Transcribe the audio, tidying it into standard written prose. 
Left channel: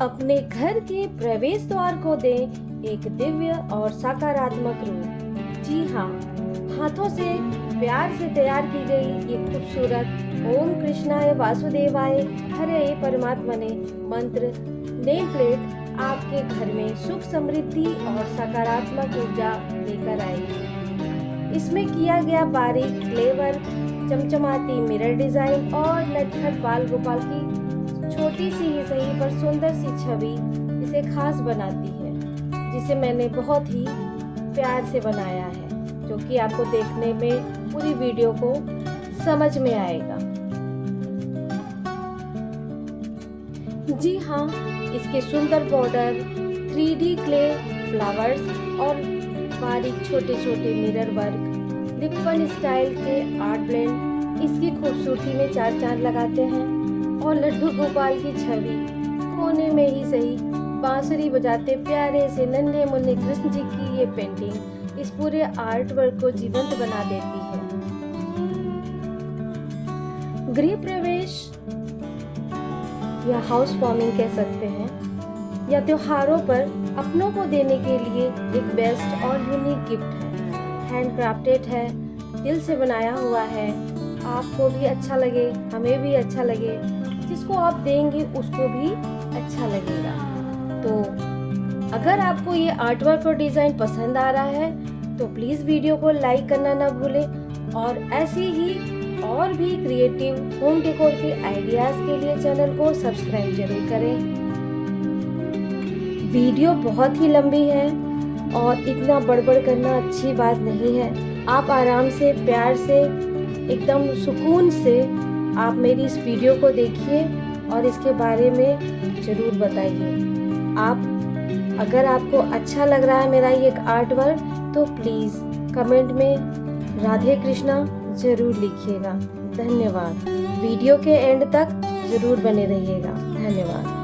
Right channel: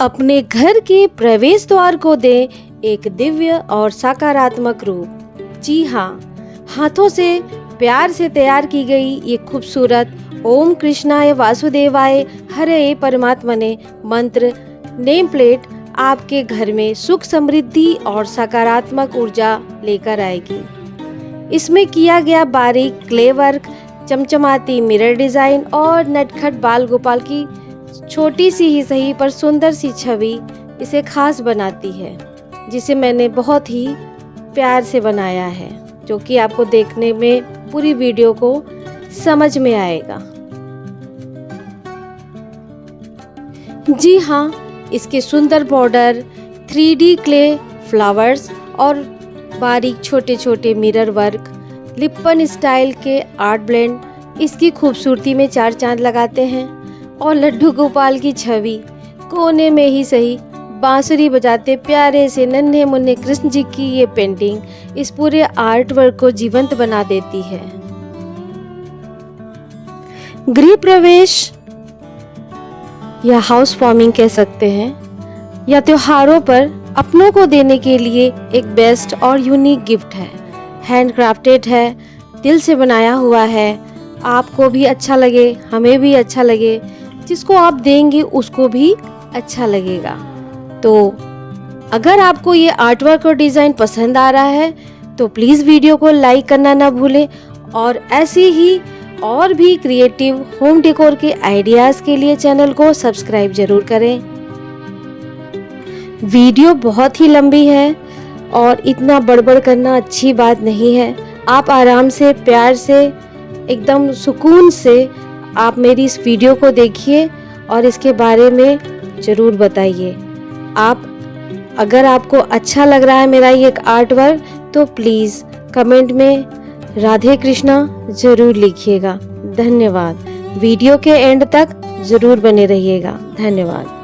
अपने घर के प्रवेश द्वार को दे एक दिव्य और सकारात्मक रूप। जी हाँ, हाथों से प्यार से तैयार की गई ये खूबसूरत ओम कृष्णाय वासुदेवाय हरे परमात्मने मंत्र नेम प्लेट आपके घर में सुख समृद्धि और सकारात्मक ऊर्जा लेकर आएगी। इसमें किया गया बारीक क्ले वर्क, चमचमाती मिरर डिजाइन और नटखट बाल गोपाल की छोटी सी ही सही पर सुंदर सी छवि इसे खास बनाती है, जिसे मैंने बहुत ही प्यार से बनाया है, जो कि आपको देखने में पूरी वीडियो को समझ में आएगा। जी हाँ, इसके सुंदर बॉर्डर, 3D क्ले फ्लावर्स और बारीक छोटे छोटे मिरर वर्क, लिप्पन स्टाइल के आर्ट ब्लेंड इसकी खूबसूरती में चार चांद लगाते हैं। और लड्डू गोपाल की छवि कोने में ही सही बांसुरी बजाते प्यारे से नन्हे मुन्ने कृष्ण जी की ये पेंटिंग इस पूरे आर्ट वर्क को जीवंत बना देती है। गृह प्रवेश या हाउस वार्मिंग कह सकते हैं, या त्योहारों पर अपनों को देने के लिए एक बेस्ट और यूनिक गिफ्ट है। हैंडक्राफ्टेड है, दिल से बनाया हुआ है, आपको भी अच्छा लगे, हमें भी अच्छा लगे, जिसको आप देंगे उसको भी अच्छा लगेगा। तो अगर आपको ये आर्ट वर्क और डिज़ाइन पसंद आ रहा है तो प्लीज़ वीडियो को लाइक करना ना भूलें, और ऐसी ही और भी क्रिएटिव होम डेकोर के आइडियाज़ के लिए चैनल को सब्सक्राइब जरूर करें। वीडियो बहुत ही लंबी है और इतना बड़बड़ करना अच्छी बात नहीं है। आप आराम से, प्यार से, एकदम सुकून से आप मेरी इस वीडियो को देखिए और इसके बारे में ज़रूर बताइए। अगर आपको अच्छा लग रहा है मेरा ये आर्ट वर्क तो प्लीज़ कमेंट में राधे कृष्णा ज़रूर लिखिएगा। धन्यवाद। वीडियो के एंड तक ज़रूर बने रहिएगा। धन्यवाद।